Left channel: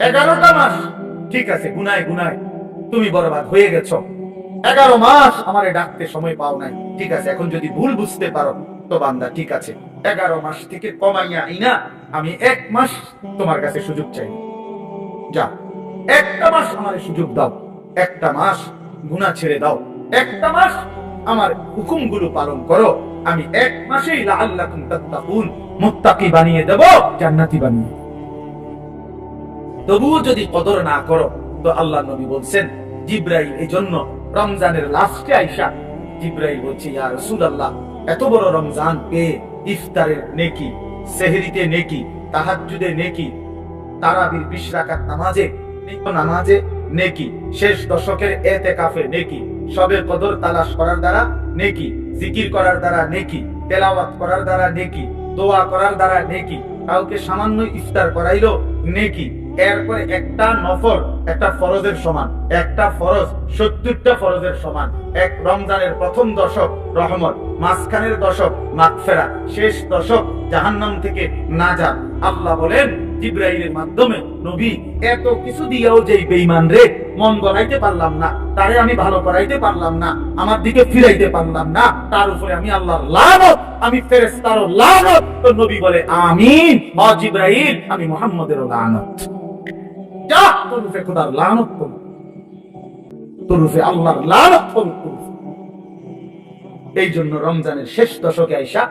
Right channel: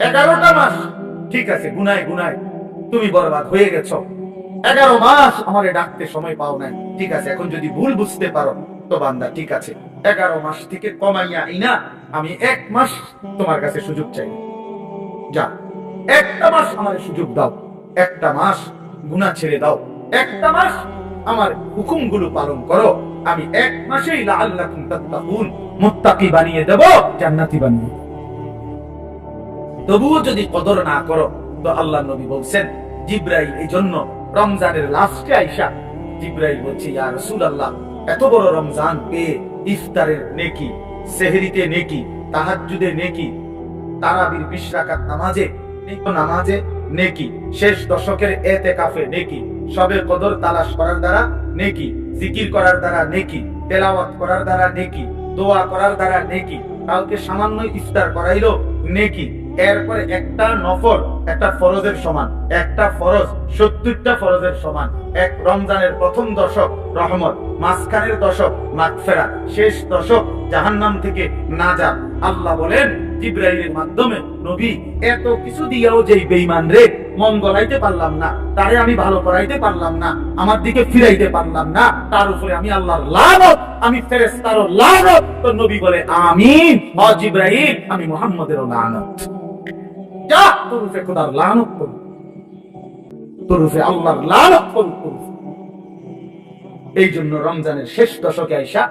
11টা মাস ঠিক আছে, গুনায় গুনায় তুমি বরবাদ হয়ে গেছো। 11 মাস আমারে ডাকতে সময় পাও নাই, ঠিক আছে। এখন যদি ভুল বুঝতে পারো তো বান্দা ঠিক আছে, 11 মাস থেকে কমাইয়া আইনা আমি 1 মাস তোমার কাছে সুযোগ চাই। যা, একটা মাস আমারে সুযোগ দাও, একটা মাস গুনাহ ছেড়ে দাও, একটা মাস আমার হুকুমগুলো পালন করো। আমি 1 মাসেই লাআল্লাকুম তাত্তাকুন, মুত্তাকি বানিয়ে দেব, জান্নাতি বানিয়ে। তবুও যদি কদর না করো তো আল্লাহ নবী বলছেন, জিব্রাইল এই জন্য রমজানের লাস্টে আইসা জিব্রাইল বলছে, ইয়া রাসূলুল্লাহ, এত বড় রমজান পেয়ে ইফতারের নেকি, সেহরিতে নেকি, তাহাজ্জুদে নেকি, তারাবির 20 রাকাত নামাজে নেকি, শেষ দশকের এতেকাফে নেকি, সবে কদর তালাশ করার দ্বারা নেকি, জিকির করার দ্বারা নেকি, তেলাওয়াত করার দ্বারা নেকি, দোয়া করার দ্বারা নেকি, কাউকে সামান্য ইফতার করাইলো নেকি, এরপরে একটা নফল একটা ফরজের সমান, একটা ফরজ 70টা ফরজের সমান। এক রমজানের প্রথম দশক রহমত, মাঝখানের দশক মাগফিরাত, শেষ দশক জাহান্নাম থেকে নাজাত। আল্লাহ বলেন জিব্রাইলের মাধ্যমে, নবী এত কিছু দিয়েও যেই বেঈমান রে মন গলাইতে পারলাম না, তারে আমি ভালো করাইতে পারলাম না, আমার দিকে ফিরাইতে পারলাম না, তার উপরে আমি আল্লাহর লানত, আমি ফেরেশতারও লানত। তো নবী বলে আমিন, ও জিব্রাইল আমি মুহাম্মাদেরও লানত। যা, তোর উপরে খোদার লানত করুক, তোর উপরে আল্লাহর লানত করুক। এই জন্য রমজানের শেষ দশকে আইসা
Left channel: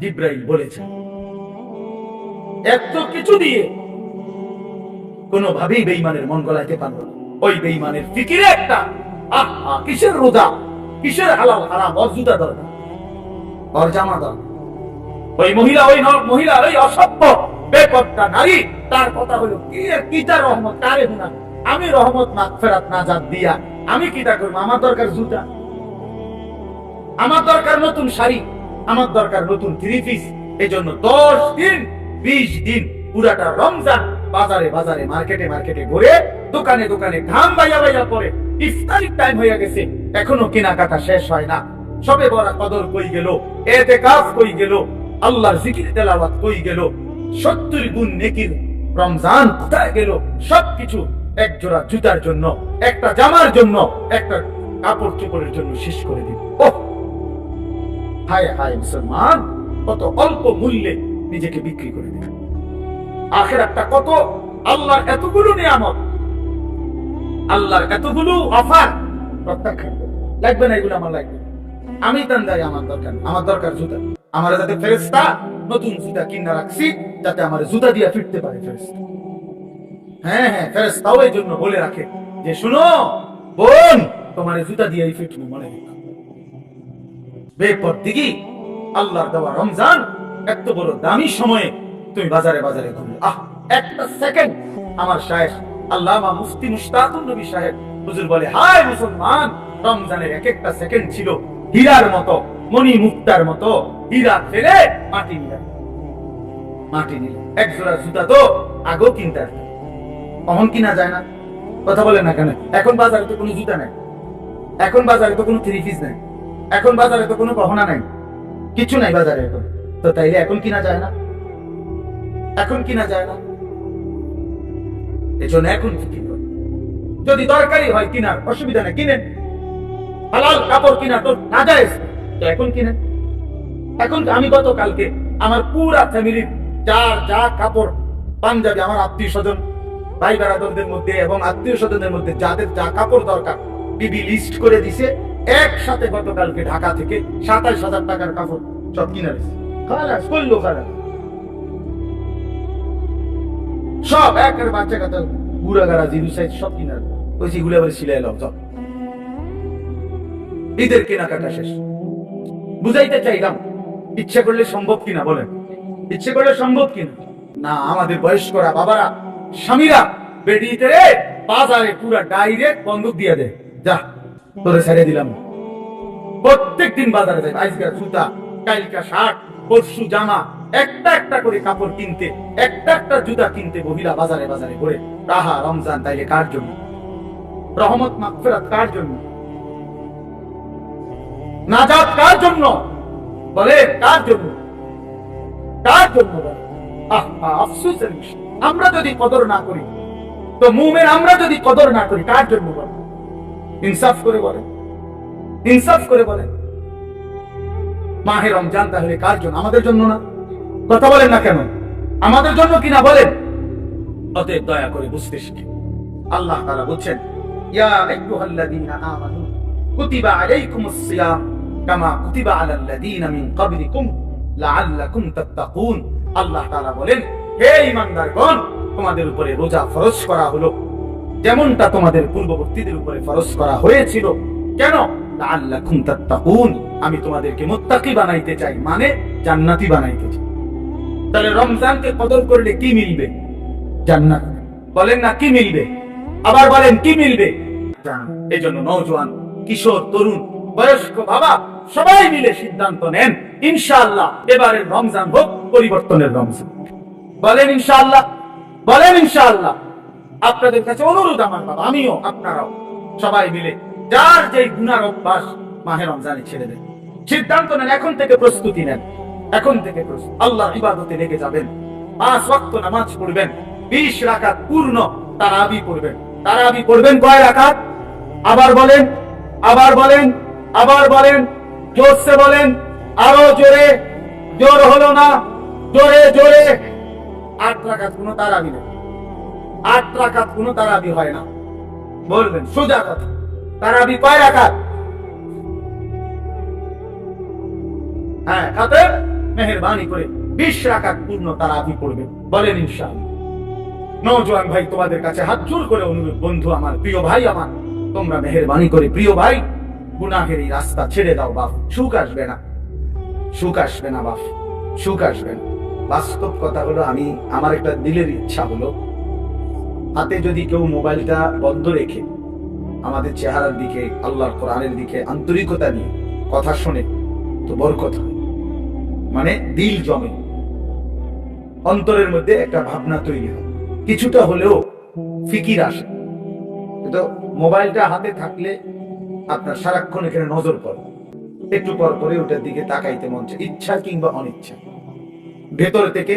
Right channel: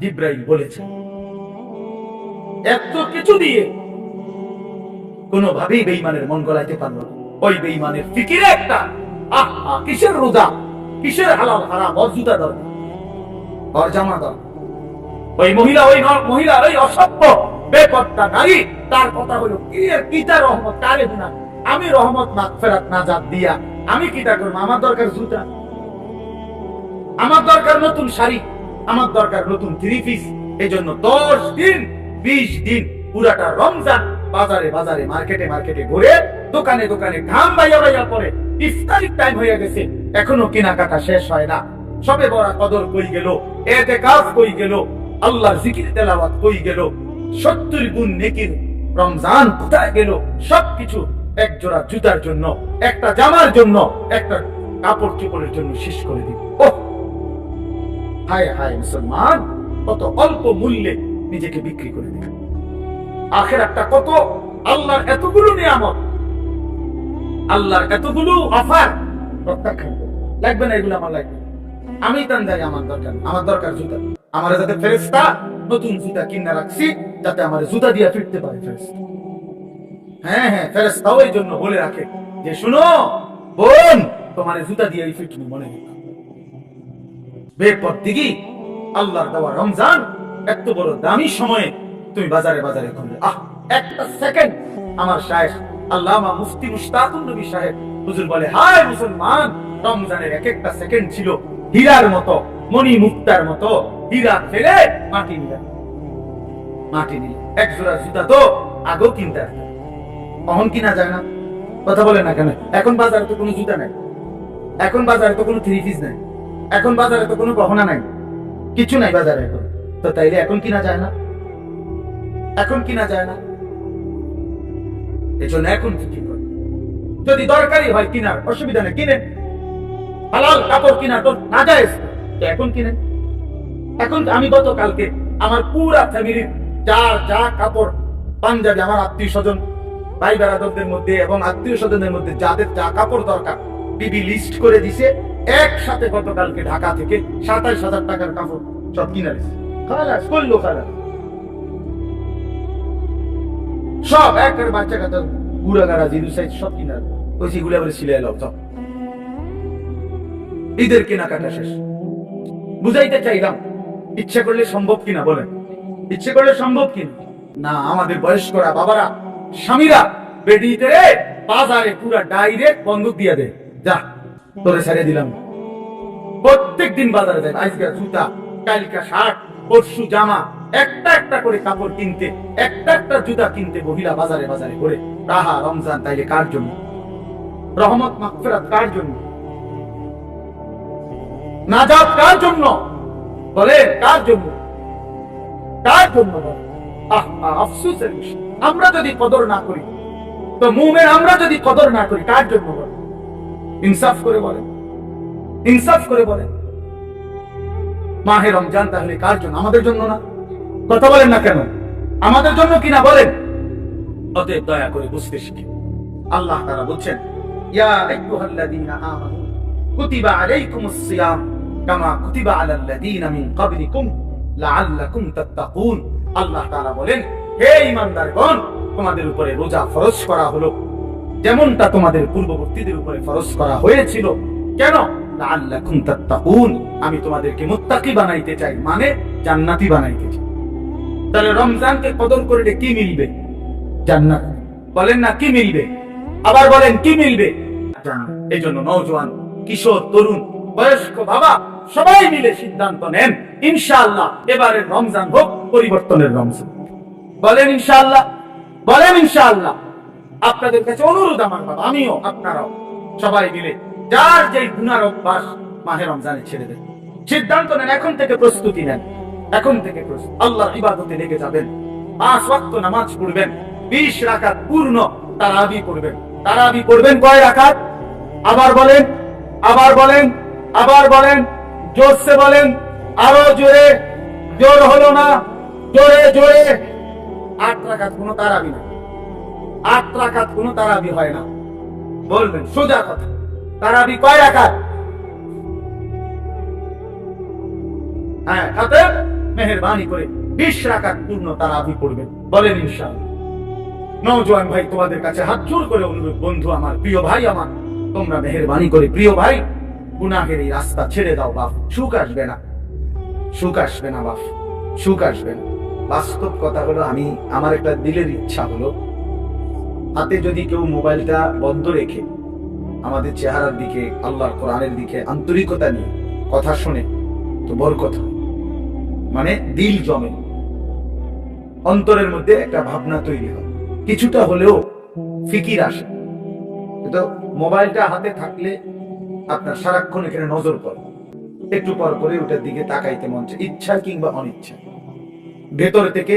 জিব্রাইল বলেছে, এত কিছু দিয়ে কোনোভাবেই বেঈমানের মন গলাইতে পারল না। ওই বেঈমানের ফিকিরে একটা, আহা কিসের রোজা, কিসের হালাল হারাম, ওর জুতা দরকার, ওর জামা দরকার। ওই মহিলা ওই অসভ্য বেপরদা নারী, তার কথা হলো কিতা রহমত কারে হুনা, আমি রহমত মাগফিরাত নাজাত দিয়া আমি কিতা করব? আমার দরকার জুতা, আমার দরকার নতুন শাড়ি, আমার দরকার নতুন 3 পিস। এজন্য 10 দিন 20 দিন পুরাটা রমজান বাজারে বাজারে মার্কেটে মার্কেটে ঘুরে, দোকানে দোকানে ঘাম বাইয়া পরে, ইফতারির টাইম হয়ে গেছে, এখনো কেনাকাটা শেষ হয় না। সবে বড় কদর কই গেল, ইতিকাফ কই গেল, আল্লাহর জিকির তেলাওয়াত কই গেল, 70 গুণ নেকির রমজান কোথায় গেল? সবকিছু এক জোড়া জুতার জন্য, একটা জামার জন্য, একটা কাপড় চোপড়ের জন্য শেষ করে দিল। ওহ হায় হায় মুসলমান, কত অল্প মূল্যে নিজেকে বিক্রি করে দিল। আখিরাতটা কত, আল্লাহর এতগুলো নিয়ামত, আল্লাহর এতগুলো অফার, প্রত্যাখ্যান লাগবে না। এগুলো আমার লাগবে, আমি তান যাই, আমার দরকার জুতা। আমার যাতে ফেরেশতা নতুন জুতা কিনা রাখছি, যাতে আমার জুতা দিয়ে ফিরতে পারে ফেরেশতা। হ্যাঁ হ্যাঁ, ফেরেশতাও এই জন্য বলে রাখে যে শুনো বোন, তোমার জুতা দিয়ে ফিটনি মনে বেপরদিগি আল্লাহর দেওয়া রমজান এত বড় দামি সময়ে তুমি বাজারে বাজারে ঘুরলে, একটা সেকেন্ড। আমার শায়েখ আল্লামা মুফতি মুশতাকুর নবী সাহেব হুজুর বলে, হায় মুসলমান, রমজানের এক একটা সেকেন্ড ছিল হীরার মতো, মণি মুক্তার মতো। হীরা ফেলে মাটি নিল। এক জোড়া জুতা তো আগেও কিনতে, কখন কিনা যায় না? কথা বলেন না কেন? এখন বাজারে তো কোনো জুতা নাই, এখন বাজারে তো কোনো 3 পিস নাই, এখন বাজারে তো কোনো গহনা নাই, কিছু নাই বাজারে এখন। তো তাইলে এখন কিনা যায় না? এখন কিনা যায় না, এজন্য এখন ফিকির করুন। যদি দরকারি হয় কিনার, অসুবিধা নেই, কিনেন। হালাল কাপড় কিনা তো নাজায়েজ, তো এখন কিনেন। এখন আমি গতকালকে আমার পুরা ফ্যামিলির যার যা কাপড় পাঞ্জাবি, আমার আত্মীয় স্বজন ভাই বেড়াদরদের মধ্যে এবং আত্মীয় স্বজনের মধ্যে যাদের যা কাপড় দরকার, বিবি লিস্ট করে দিছে। একসাথে গতকালকে ঢাকা থেকে 27,000 টাকার কাপড় সব কিনে দিছে। খালাস করলো, খালাস সব একের বাচ্চা কাচ্চা বুড়া গাড়া জিরো সাইজ সব কিনা ওই গুলা বলে সিলাই লাও। সব ঈদের কেনাকাটা শেষ। বুঝাইতে চাইলাম, ইচ্ছা করলে সম্ভব কিনা বলেন, ইচ্ছে করলে সম্ভব কিনা? না, আমাদের বয়স্করা বাবারা স্বামীরা বেডিতে বাজারে পুরা ডাইরেক্ট বন্দুক দিয়ে দেয়, যা তোরে ছেড়ে দিলাম। প্রত্যেক দিন বাজারে যায়, আজকে জুতা, কালকা শার্ট, পরশু জামা, একটা একটা করে কাপড় কিনতে, একটা একটা জুতা কিনতে মহিলা বাজারে বাজারে করে। তাহা রমজান তাইলে কার জন্য? রহমত মাগফিরাত কার জন্য? নাজাত কার জন্য? বলে কার জন্য? কার জন্য? আফসোসের বিষয়, আমরা যদি কদর না করি তো মুমিন আমরা যদি কদর না করি কার জন্য বলেন? ইনসাফ করে বলেন, ইনসাফ করে বলেন। মাহে রমজান তাহলে কার জন্য? আমাদের জন্য না? কথা বলেন না কেন? আমাদের জন্য কিনা বলেন? অতএব দয়া করে বুঝতে শিখি। আল্লাহ তাআলা বলছেন, ইয়া আইয়ুহাল্লাযীনা আমানু কুতিবা আলাইকুমুস সিয়াম কামা কুতিবা আলাল্লাযীনা মিন ক্বাবলিকুম লাআল্লাকুম তাত্তাকুন। আল্লাহ তাআলা বলেন, হে ঈমানদারগণ, তোমাদের উপরে রোজা ফরজ করা হলো যেমনটা তোমাদের পূর্ববর্তীদের উপরে ফরজ করা হয়েছিল। কেন? লাআল্লাকুম তাত্তাকুন, আমি তোমাদেরকে মুত্তাকি বানাইতে চাই, মানে জান্নাতি বানাইতে চাই। তাহলে রমজানকে কদর করলে কি মিলবে? জান্নাত। বলেন না কি মিলবে? আবার বলেন কি মিলবে? এই জন্য নওজোয়ান, কিশোর, তরুণ, বয়স্ক, বাবা সবাই মিলে সিদ্ধান্ত নেন, ইনশাআল্লাহ এবারের রমজান হোক পরিবর্তনের রমজান। বলেন ইনশাআল্লাহ, বলেন ইনশাআল্লাহ। আপনাদের কাছে অনুরোধ আমার, বাবা আমিও, আপনারাও সবাই মিলে যার যেই গুনার অভ্যাস মাহে রমজানে ছেড়ে দেন। সিদ্ধান্ত নেন, এখন থেকে প্রস্তুতি নেন, এখন থেকে আল্লাহর ইবাদতে লেগে যাবেন। 5 ওয়াক্ত নামাজ পড়বেন, 20 রাকাত পূর্ণ তারাবি পড়বেন। তারাবি পড়বেন কয় রাকাত? আবার বলেন, আবার বলেন, আবার বলেন, জোরসে বলেন, আরো জোরে। জোর হলো না, জোরে জোরে। 8 রাকাত কোনো তারাবি না, 8 রাকাত কোনো তারাবি হয় না। বলবেন সোজা কথা, তারাবি কয় রাকাত? হ্যাঁ, অতএব মেহেরবানি করে 20 রাকাত পূর্ণ তারাবি পড়বেন। বলেন ইনশাআল্লাহ। নওজোয়ান ভাই, তোমাদের কাছে হাত জোর করে অনুরোধ, বন্ধু আমার, প্রিয় ভাই আমার, তোমরা মেহেরবানি করে, প্রিয় ভাই, গুনাহের এই রাস্তা ছেড়ে দাও বাপ। সুখ আসবে না, সুখ আসবে না বাপ, সুখ আসবে না। বাস্তব কথা হলো, আমার একটা দিলের ইচ্ছা হলো, হাতে যদি কেউ মোবাইলটা বন্ধ রেখে আমাদের চেহারার দিকে, আল্লাহর কোরআনের দিকে আন্তরিকতা নিয়ে কথা শোনে তো বরকত হয়। মানে দিল জমে, অন্তরের মধ্যে একটা ভাবনা তৈরি হয়, কিছুটা হলেও ফিকির আসে। কিন্তু মোবাইলটা হাতে থাকলে আপনার সারাক্ষণ এখানে নজর পড়ে, একটু পর পরে ওটার দিকে তাকাইতে মন চায়, ইচ্ছা কিংবা অনিচ্ছা। ভেতর থেকে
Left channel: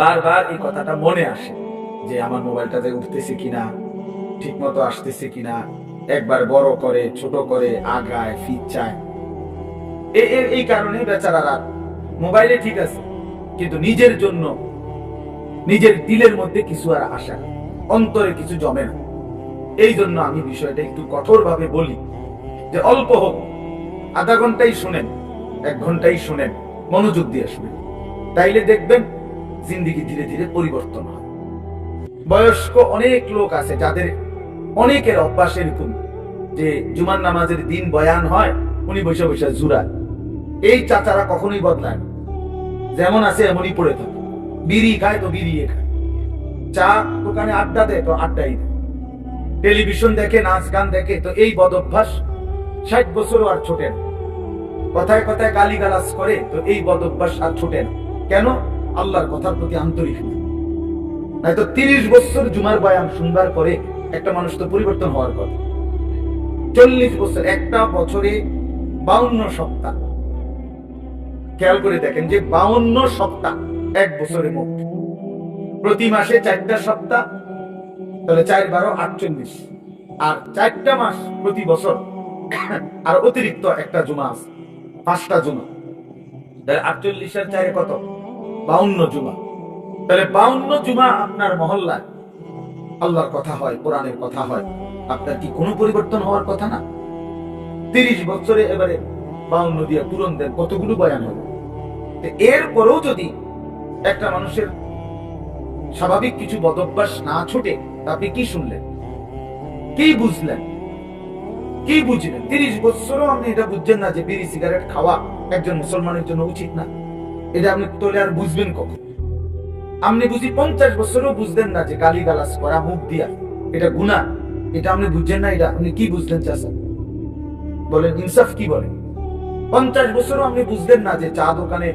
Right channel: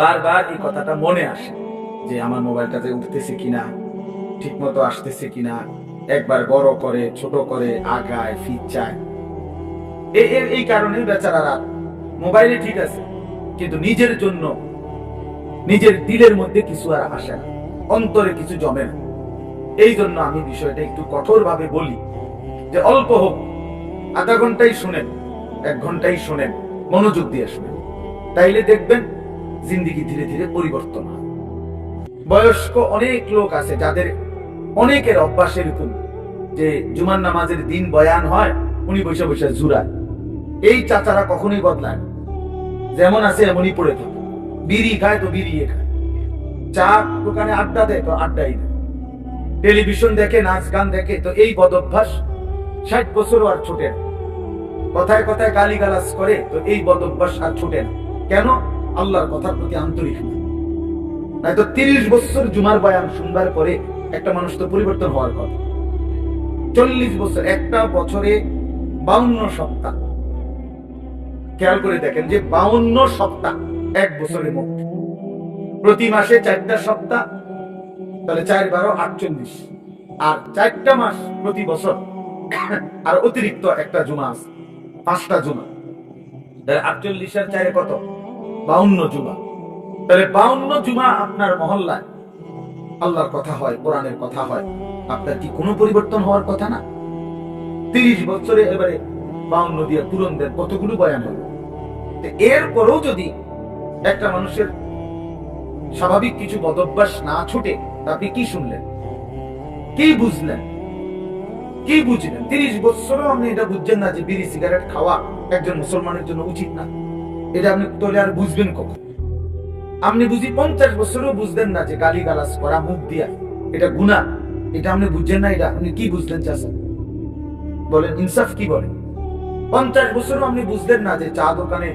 বারবার এই কথাটা মনে আসে যে আমার মোবাইলটাতে উঠতেছে কিনা, ঠিক মতো আসতেছে কিনা, একবার বড় করে, ছোট করে, আগায়, ফিচ্ছায়। এই কারণে বেচারারা মোবাইলে ঠিক আছে, কিন্তু নিজের জন্য নিজের দিলের মধ্যে কিছু আর আসে না, অন্তরে কিছু জমে না। এই জন্য আমি বিষয়টা একটু কঠোর ভাবে বলি যে অল্প হোক, আধা ঘন্টাই শুনেন, 1 ঘন্টাই শুনেন, মনোযোগ দিয়ে শুনেন, তাইলে দেখবেন জিন্দেগি ধীরে ধীরে পরিবর্তন হয়। বয়স্ক অনেক লোক আছে যাদের অনেকের অভ্যাস এরকম যে জুমার নামাজের দিন বয়ান হয়, উনি বসে বসে জুরায়। এই চাচারা কখনোই বদলায় না, যেমন আছে এমনই পড়ে থাকে। বিড়ি খায় তো বিড়ি খায়, চা দোকানে আড্ডা দেয় তো আড্ডাই দেয়, টেলিভিশন দেখে, নাচ গান দেখে, তো এই বদ অভ্যাস 60 বছরও আর ছোটে না। কথায় কথায় গালিগালাজ করে, তো এই বদ অভ্যাস আর ছোটে না। কেন? আল্লাহর কথার প্রতি আন্তরিক না। নয়তো 30 বছর জুমার বয়ান শুনবার পরে একটা মানুষ তো পরিবর্তন হওয়ার কথা। 40 বছর, একটা বছরে 52 সপ্তাহ, খেয়াল করে দেখেন যে 52 সপ্তাহ 1 বছরের মধ্যে, প্রতি মাসে 4টা সপ্তাহ, তাহলে 4 12 48, আর 4টা মাস প্রতি বছর, আর অতিরিক্ত একটা জুমা আছে, 5টা জুমা, তাহলে 48 আর 4 কত? 52 জুমা। তাহলে 52 জুমা আপনার মহল্লায় আল্লাহর কথা হয়, কোরআনের কথা হয়, আপনার কি কোনো পরিবর্তন হওয়ার কথা না? 30 বছরে এবারে 52 দিয়ে পূরণ দেন, কতগুলো বয়ান হলো। এরপরেও যদি একটা মানুষের স্বাভাবিক কিছু বদভ্যাস না ছোটে, আপনি কি শুনলেন, কি বুঝলেন, কি বুঝলেন? 30 বছরও আপনি এটা বুঝছেন না যে বিড়ি সিগারেট খাওয়া একজন মুসলমানের জন্য উচিত না। এটা আপনি তোলে আর বুঝবেন কখন? আপনি বুঝি 50 বছরও বুঝলেন না যে গালি গালাজ করা মুখ দিয়া এটা গুনাহ, এটা আপনি বুঝছেন না। এটা আপনি কি বুঝলেন চাচা? বলেন ইনসাফ কি বলেন? 50 বছরও আপনি বুঝলেন না যে চা দোকানে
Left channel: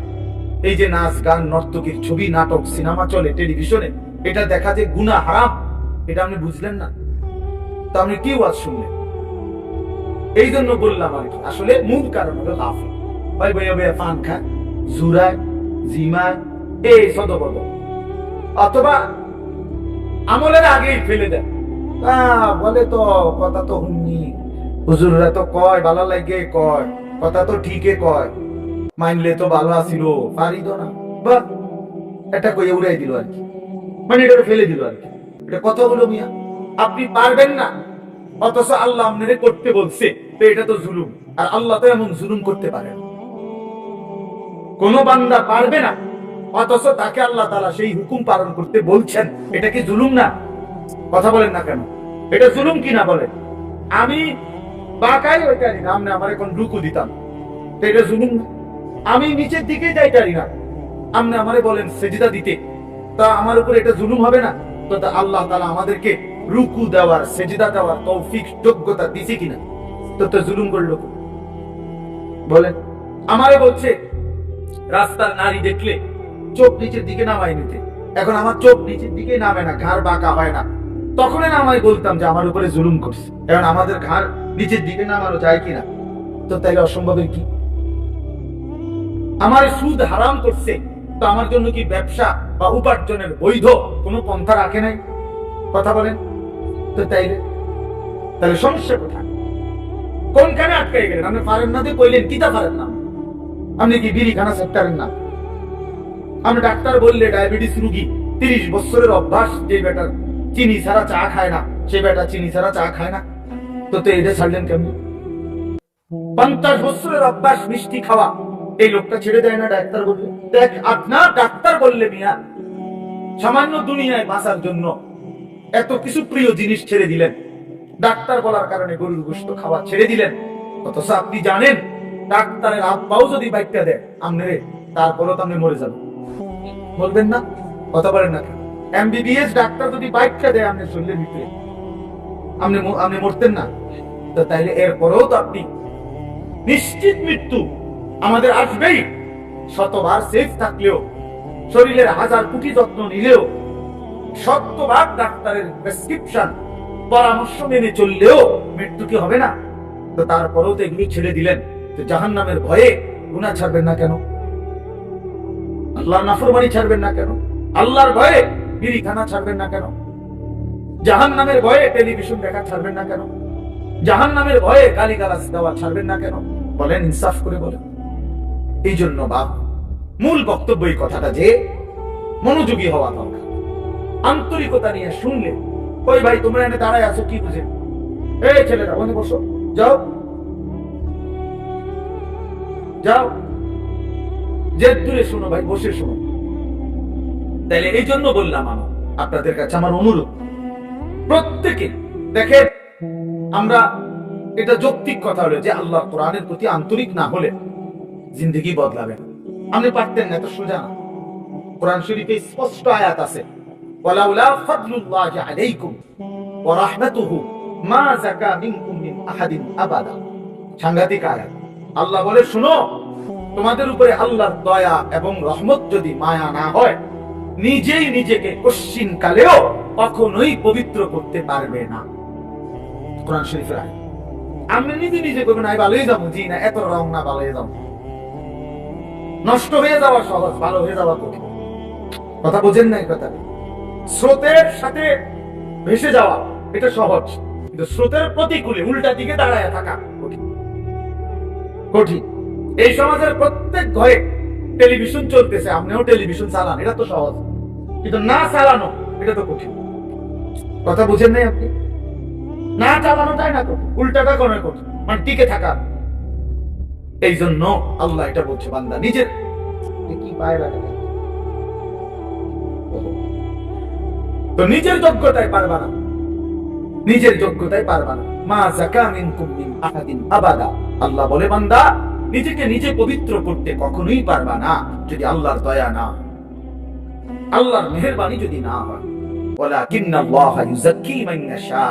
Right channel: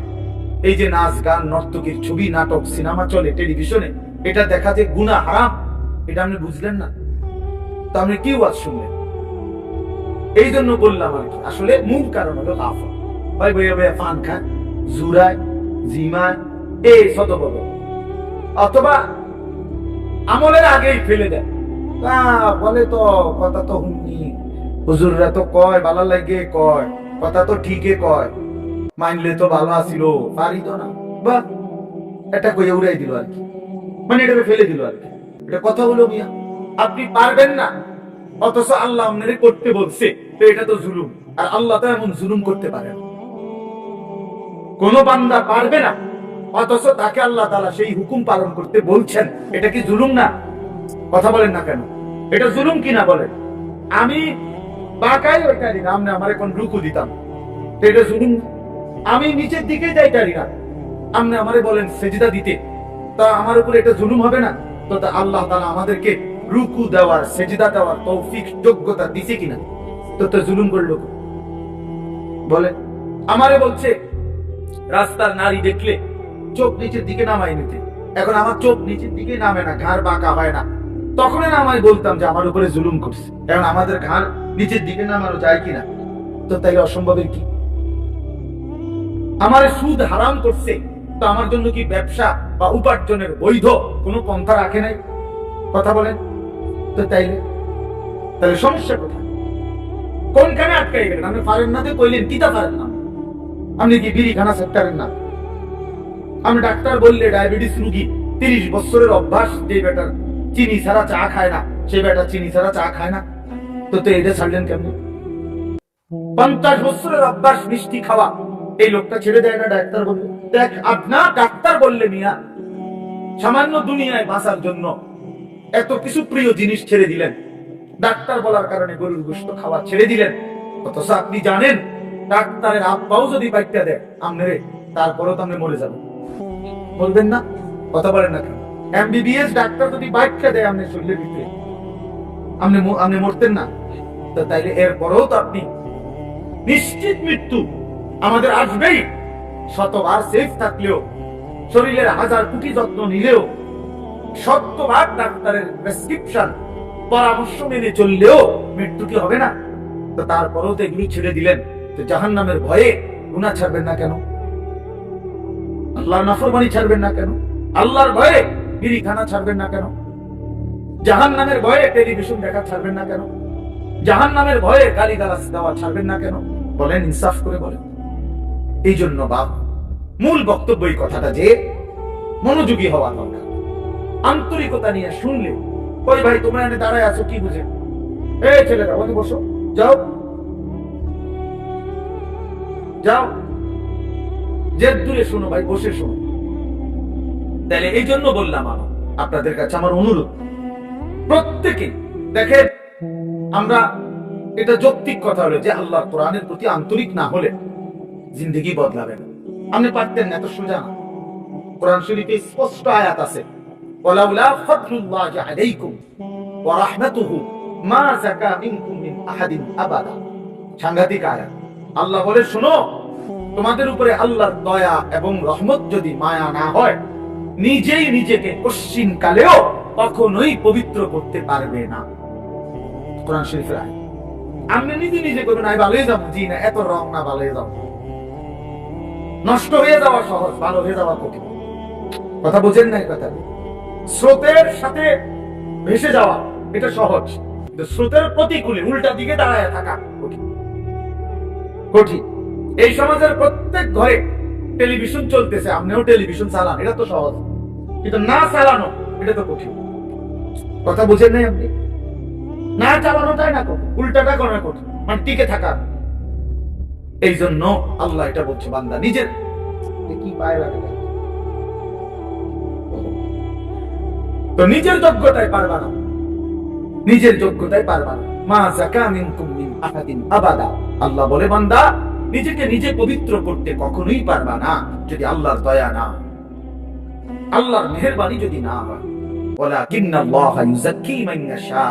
এই যে নাচ গান, নর্তকীর ছবি, নাটক, সিনেমা চলে টেলিভিশনে, এটা দেখা যে গুনাহ, হারাম, এটা আপনি বুঝলেন না। তো আপনি কি ওয়াজ শুনলেন? এই জন্য বললাম আর কি, আসলে মূল কারণ হলো লাভ হয়, বইয়া বইয়া পান খায়, জুরায়, জিমায়, এই সদবদ, অথবা আমলের আগেই ফেলে দেয়। বলে তো কথা তো হুননি, হুজুররা তো কয় ভালো লাগে, কয় কথা তো ঠিকই কয়, মানলে তো ভালো আসিল, পারি তো না, বা এটা কইয়া উড়াই দিল আর কি, মানে এটা ফেলে দিল আর কি। এটা কথা হলো মিয়া, আপনি পারবেন না অথচ আল্লাহ আপনারে করতে বলছে, তো এটা তো জুলুম। আর আল্লাহ তো এমন জুলুম করতে পারে না। কোন বান্দা পারবে না অথচ তাকে আল্লাহ তাআলা সেই হুকুম পালন করতে বলছেন, এটা কি জুলুম না? কথা বলেন না কেন? এটা জুলুম কিনা বলেন? আমি বাঁকাই ওইটারি না, আপনি আমার এখন রুকু দিতাম, তো এটা জুলুম না? আমি নিচের দিকে যাইতারি না, আপনি আমারে বলেন সেজদা দিতে, তা আমার উপর এটা জুলুম হবে না? তো আল্লাহ তাআলা আমাদেরকে রুকু দেওয়ার, সেজদা দেওয়ার তৌফিক, যোগ্যতা দিছে কিনা? তো জুলুম করলো বলে? আমারে বলছে রাস্তার নারী দেখলে চোখ নিচের দিকে নামাই নিতে, এখন আমার চোখ নিচের দিকে নামে না, ঘাড় বাঁকা হয় না, তখন না আমি বলতাম যে আমার উপরে জুলুম করছে, কারণ আমাদের ঘাড় নিচের দিকে নামানো যায় কিনা? তো তাইলে অসম্ভবের কি? আমার সুদ হারাম করছে, তো আমার জন্য কি ব্যবসা বা উপার্জনের বৈধ কোনো পন্থা রাখে নাই? কথা বলেন তো। তাহলে সমস্যা কোথায়? কোনখানে আটকাই গেলেন? আপনি পারেন না যে কইলেন কিতা পারেন না? আপনি কি বিড়ি খানা সেক্টরের না? আমি ডাক্তার বললে ডায়াবেটিস রোগী, 30 বছরের অভ্যাস, যে বেটার চিনি ছাড়া চা খায় না, সেই বেটা চিনি ছাড়া চা খায় না, তো এটা ছাড়লেন কেমন? 50 বছরের অভ্যাস মিষ্টি খাওয়া, এই লোকটা ছেড়ে দেয় না ডাক্তার বললে? দেখ, আপনার ডাক্তার বললে মিয়া সামান্য দুনিয়ায় বাঁচার জন্য এত কিছু প্রিয় জিনিস ছেড়ে দিলেন, ডাক্তার বলার কারণে গরুর গোশত খাওয়া ছেড়ে দিলেন, অথচ আপনি জানেন ডাক্তারের আব্বাও যদি বাইকটা দেয় আমনেরে, তারপরেও তো আপনি মরে যাবেন। মরবেন না? কথা বলেন না কেন? এমবিবিএস ডাক্তার যদি বাইকটা দেয় আপনি শরীরের ভিতরে, আপনি মরতেন না? তো তাইলে এরপরেও তো আপনি নিশ্চিত মৃত্যু আমাদের আসবেই। শতবার সেফ থাকলেও, শরীরের 1000 কোটি যত্ন নিলেও, শতবার ডাক্তারের প্রেসক্রিপশন পরামর্শ মেনে চললেও মৃত্যু কি হবে না? তো তারপরেও তো এগুলি ছেড়ে দিলেন, তো জাহান্নামের ভয়ে গুনাহ ছাড়বেন না কেন? আল্লাহর নাফরমানি ছাড়বেন না কেন? আল্লাহর ভয়ে বিড়ি খানা ছাড়বেন না কেন? জাহান্নামের ভয়ে টেলিভিশন দেখা ছাড়বেন না কেন? জাহান্নামের ভয়ে গালিগালাজ দেওয়া ছাড়বেন না কেন? বলেন, ইনসাফ করে বলেন। এই জন্য বাপ, মূল বক্তব্য এই কথাটা যে মনোযোগী হওয়া দরকার, আন্তরিকতা নিয়ে শুনলে। ওই ভাই তোমরা এনে দাঁড়ায় আছো কি বুঝে? এই ছেলেরা ওখানে বসো, যাও যাও, যে দূরে শোনো ভাই, বসে শোনো। তাইলে এই জন্য বললাম আপনাদের কাছে আমার অনুরোধ, প্রত্যেকে দেখেন, আমরা এটা যৌক্তিক কথা হলো যে আল্লাহ কোরআনের প্রতি আন্তরিক না হলে জিন্দেগি বদলাবে না। আপনি পারতেন না, এত সোজা না। কোরআন শরীফে স্পষ্ট আয়াত আছে, ওয়ালাউলা ফাদলুল্লাহি আলাইকুম ওয়া রাহমাতুহু মা যাকা মিনকুম মিন আহাদিন আবাদা। সাংঘাতিক আয়াত। আল্লাহ বলে, শোনো, তোমাদের উপরে আল্লাহর দয়া এবং রহমত যদি মায়া না হয়, নিজেই নিজেকে কশ্চিন কালেও কখনোই পবিত্র করতে পারবে না। কোরআন শরীফের আয়াত। আমি নিজে করবেন, আমি ভালো হয়ে যাবো, জি না, এত রং না, ভালো হয়ে যাবো। নষ্ট হয়ে যাওয়া সহজ, ভালো হয়ে যাওয়া কঠিন। কথা বোঝেন না? কথা, স্রোতের সাথে ভেসে যাওয়া এটা সহজ, কিন্তু স্রোতের প্রতিকূলে উল্টা দিকে দাঁড়ায় থাকা কঠিন। কঠিন। এই সমাজের প্রত্যেক ঘরে টেলিভিশন চলতেছে, আপনিও টেলিভিশন চালান, এটা তো সহজ, কিন্তু না চালানো এটা তো কঠিন। কথা বুঝেন নাই আপনি? না চালানোটাই না কঠিন, উল্টাটা করা কঠিন, মানে টিকে থাকা। এই জন্য আল্লাহ এটা বলছে, বান্দা নিজের কি পায় লাগে, তো নিজের যোগ্যতায় পারবা না, নিজের যোগ্যতায় পারবা না। মা যাকা মিনকুম মিন আহাদিন আবাদা। আল্লাহ বলে, বান্দা নিজেকে নিজে পবিত্র করতে কখনোই পারবা না যদি আল্লাহর দয়া না, আল্লাহর মেহেরবানি যদি না হয়। ওয়ালাকিন্নাল্লাহা ইউযাক্কি মান ইয়াশা।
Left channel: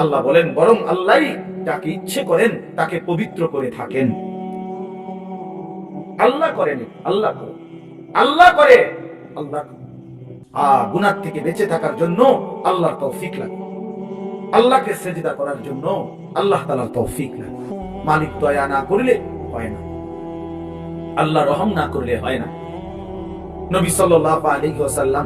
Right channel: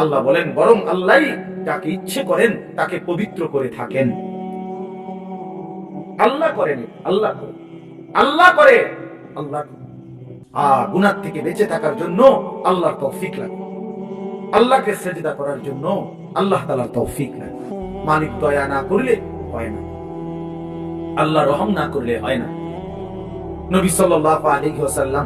আল্লাহ বলেন, বরং আল্লাহই যাকে ইচ্ছে করেন তাকে পবিত্র করে থাকেন। আল্লাহ করেন, আল্লাহ করে, আল্লাহ করে, আল্লাহ। গুনাহ থেকে বেঁচে থাকার জন্য আল্লাহর তৌফিক লাগে, আল্লাহকে সেজদা করার জন্য আল্লাহ তাআলার তৌফিক লাগে। মালিক দয়া না করলে হয় না, আল্লাহ রহম না করলে হয় না। নবী সাল্লাল্লাহু আলাইহি ওয়াসাল্লাম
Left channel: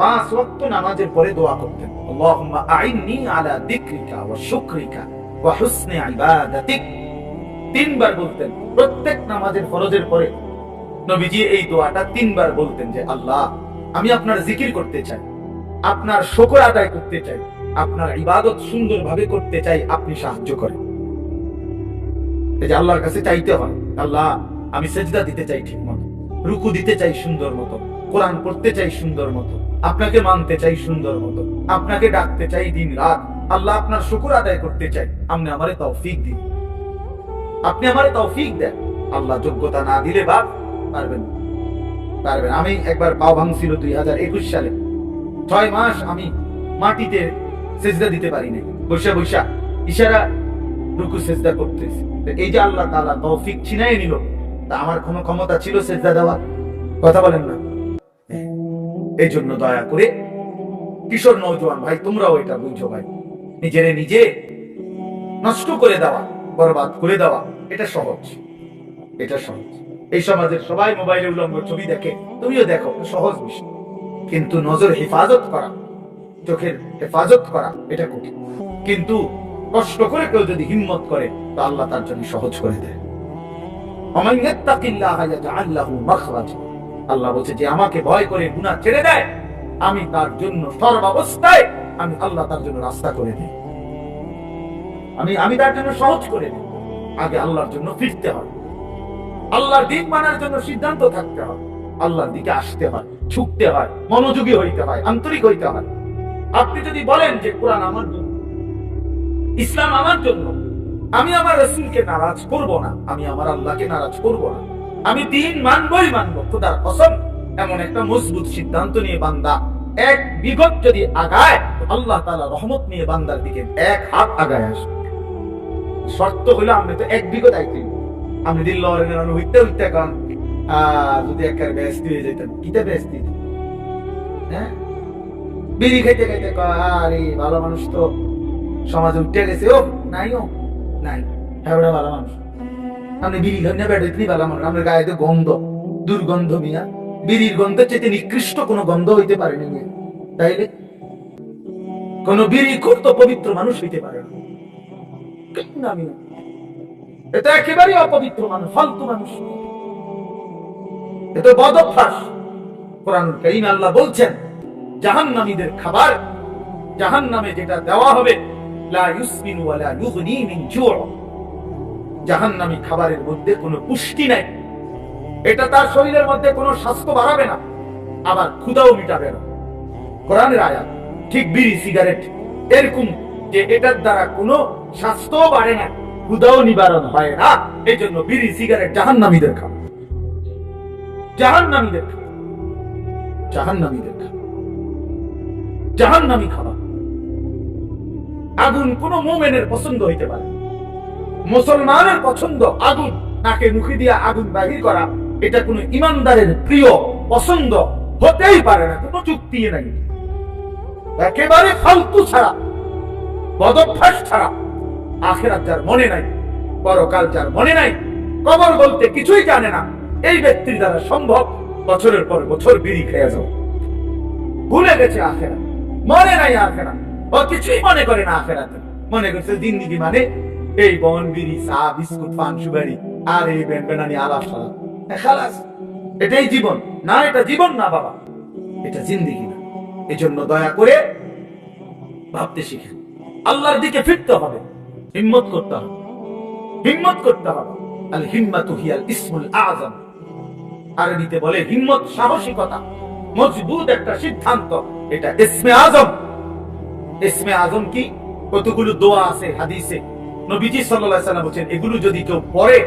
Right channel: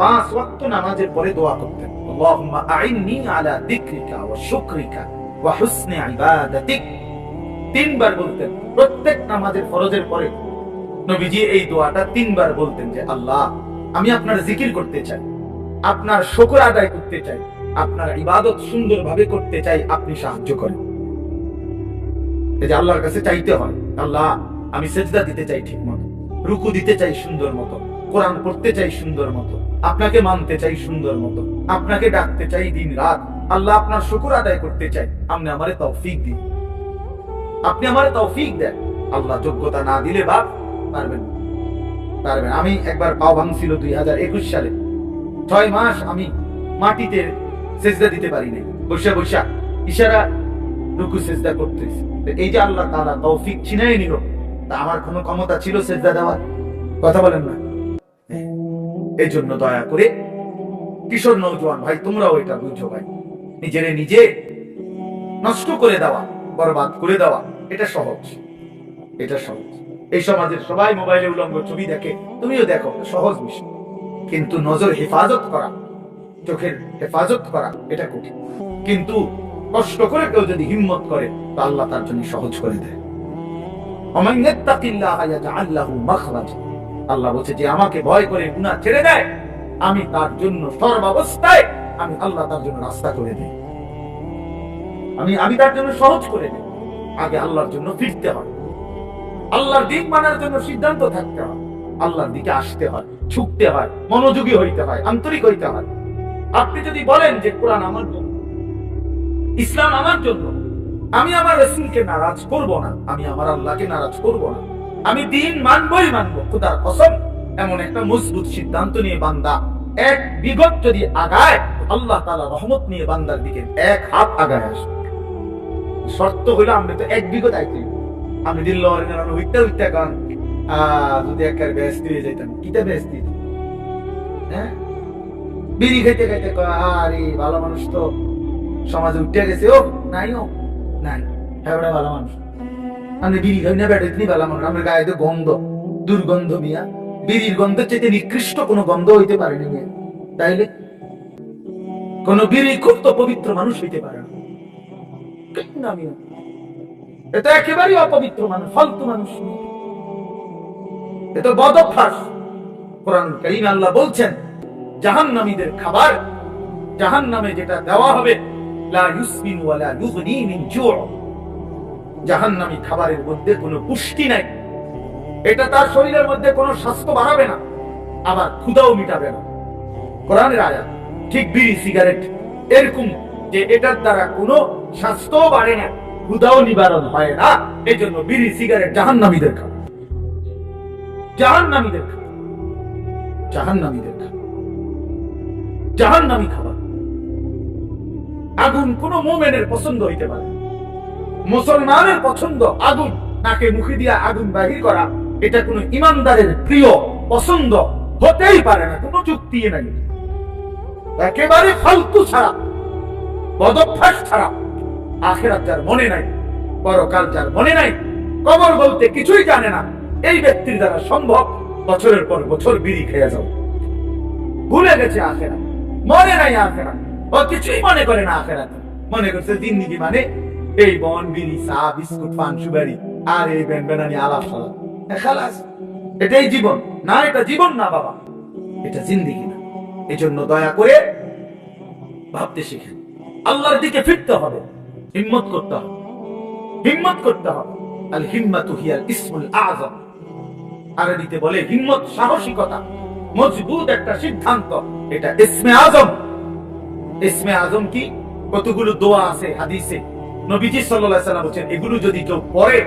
5 ওয়াক্ত নামাজের পরে দোয়া করতেন, আল্লাহুম্মা আইন্নি আলা যিকরিকা ওয়া শুকরিকা ওয়া হুসনি ইবাদাতিক। 3 বার বলতেন প্রত্যেক নামাজের ফরজের পরে। নবীজি এই দোয়াটা 3 বার বলতেন যে আল্লাহ, আমি আপনার জিকির করতে চাই, আপনার শুকর আদায় করতে চাই, আপনার ইবাদত সুন্দরভাবে করতে চাই, আপনি সাহায্য করেন। এই যে আল্লাহর কাছে চাইতে হয়, আল্লাহ আমি সেজদা দিতে চাই ঠিক মতো, রুকু দিতে চাই সুন্দর মতো, কোরআন পড়তে চাই সুন্দর মতো, আপনাকে মানতে চাই সুন্দর মতো, আপনাকে ডাকতে চাই দিন রাত। আল্লাহ আপনার শুকর আদায় করতে চাই, আপনি আমারে তৌফিক দিন, আপনি আমারে তৌফিক দেন। আল্লাহ যোগ্যতা না দিলে বাপ পারবেন পারবেন। আমি একবার পাও ভাঙছিল 2021 সালে, 6 মাস আমি মাটিতে সেজদা দিতে পারি না, বৈশা বৈশা ইশারা রুকু সেজদা করতেছি। এই যে আল্লাহ তাআলা তৌফিক ছিনাই নিল, তা আমার কোনো ক্ষমতা ছিল সেজদা দেওয়ার? কথা বলেন না। এই জন্য দয়া করে কিশোর নওজোয়ান ভাই, তোমরাও এটা বুঝো ভাই, নিজেরে নিজে নষ্ট করে দেওয়া, বরবাদ করে দেওয়া এটা সহজ, এটা সহজ। এই সমাজের সবাই মোবাইলে উলঙ্গ ছবি দেখে, তুমিও দেখো, সহজ বিষয়। কিন্তু নজর হেফাজত করা, চোখের হেফাজত করা এটা কঠিন। কিন্তু কষ্ট করে কেউ যদি হিম্মত করে, তো আল্লাহ তার জন্য সহজ করে দেয়। ওমান ইয়াত্তাকিল্লাহ ইয়াজআল লাহু মাখরাজা। আল্লাহ বলছে যে আমাকে ভয় করে গুনাহ ছেড়ে দেয়, আমি তার জন্য সর্বাবস্থায় আমি আল্লাহ তার জন্য রাস্তা করে দিই, আমি তার জন্য সহজ করে দিই। আগে আল্লাহর জন্য ফিরতে হয়, আল্লাহর দিন মানার জন্য সিদ্ধান্ত থাকতে হয়, আল্লাহর দিকে আসতে হয়, ছুটতে হয়, মনোযোগী হইতে হয়, আন্তরিক হইতে হয়। আপনি যদি বলেন যে কোরআন আমার জন্য, ইসলাম আমার জন্য, আমি আমার রাসূলকে নারাজ করব না, আমি আমার আল্লাহকে নারাজ করব না, আমি দিন মানবই মানব, খোদার কসম, এমন একটা মজবুত সিদ্ধান্ত নিয়ে বান্দা 1 বিগত যদি আগায়, আল্লাহ তাআলা রহমত নিয়ে বান্দার দিকে 1 হাত আগায় আসবে। শর্ত হলো আমরা তো 1 বিগত আইতে, আমি দিল লরেন হইতে হইতে কারণ যদি একবার ব্যস্ত হয়ে যেতাম, কিটা ব্যস্ত, হ্যাঁ, বিড়ি খাইতে খাইতে আরে ভালো মানুষ তো সমাজে উঠে গেছে, ও নাইও নাই, হ্যাঁ ওটা ভালো মানুষ। আপনি বিড়ি খাই না বেড়ে তিনি ভালো মানুষ, আপনার গায়ে তো গন্ধ, দুর্গন্ধ মিয়া, বিড়ির গন্ধের চাইতে নিকৃষ্ট কোনো গন্ধ হইতে পারে না। তাইলে কোন বিড়ি খুব তো পবিত্র মানুষ হইতে পারে না, এটা একেবারেই অপবিত্র মানুষ, ফালতু মানুষ, এটা বদ অভ্যাস। কোরআন কারীমে আল্লাহ বলছেন জাহান্নামীদের খাবার, জাহান্নামে যেটা দেওয়া হবে, লা ইউসমিনু ওয়া লা ইউগনি মিন জু'। জাহান্নামী খাবারের মধ্যে কোনো পুষ্টি নাই, এটা তার শরীরের মধ্যে কোনো স্বাস্থ্য বাড়াবে না, আবার ক্ষুধাও মিটাবে না। কোরআনের আয়াত। ঠিক বিড়ি সিগারেট এরকম, যে এটার দ্বারা কোনো স্বাস্থ্য বাড়ে না, ক্ষুধাও নিবারণ হয় না। এই জন্য বিড়ি সিগারেট জাহান্নামীদের খাবার, জাহান্নামীদের খাবার, জাহান্নামীদের খাবার, জাহান্নামী খাবার। আগুন কোন মুমিনের পছন্দ হইতে পারে, মুসলমানের পছন্দ আগুন, নাকে মুখে দিয়া আগুন বাহির করা, এটা কোন ইমানদারের প্রিয় পছন্দ হতেই পারে না, কোনো যুক্তি নাই, একেবারে ফালতু ছাড়া, বদভ্যাস ছাড়া। আখিরাত যার মনে নাই, পরকাল যার মনে নাই, কবর বলতে কিছুই জানে না, এই ব্যক্তির দ্বারা সম্ভব বছরের পর বছর বিড়ি খেয়ে যাও। ভুলে গেছে আখিরাত, মনে নাই আখিরাত, ও কিছুই মনে করে না আখিরাত। মনে করছে জিন্দেগি মানে এই বন, বিড়ি, চা, বিস্কুট, পান, সুপারি আর এই বেনবেনানি আলাপ সালাপ, খালাস, এটাই জীবন। না, এটা জীবন না বাবা, এটা জিন্দেগি না। এই জন্য দয়া করে ভাবতে শিখেন, আল্লাহর দিকে ফিরতে হবে, হিম্মত করতে হবে, হিম্মত করতে হবে। আল হিম্মাতু হিয়াল ইসমুল আযম। আরবিতে বলে হিম্মত সাহসিকতা, মজবুত একটা সিদ্ধান্ত, এটা ইসমে আযম। ইসমে আযম কি? কতগুলো দোয়া আছে হাদিসে, নবীজি সাল্লাল্লাহু আলাইহি ওয়াসাল্লাম বলেন এগুলো যদি কেউ পড়ে,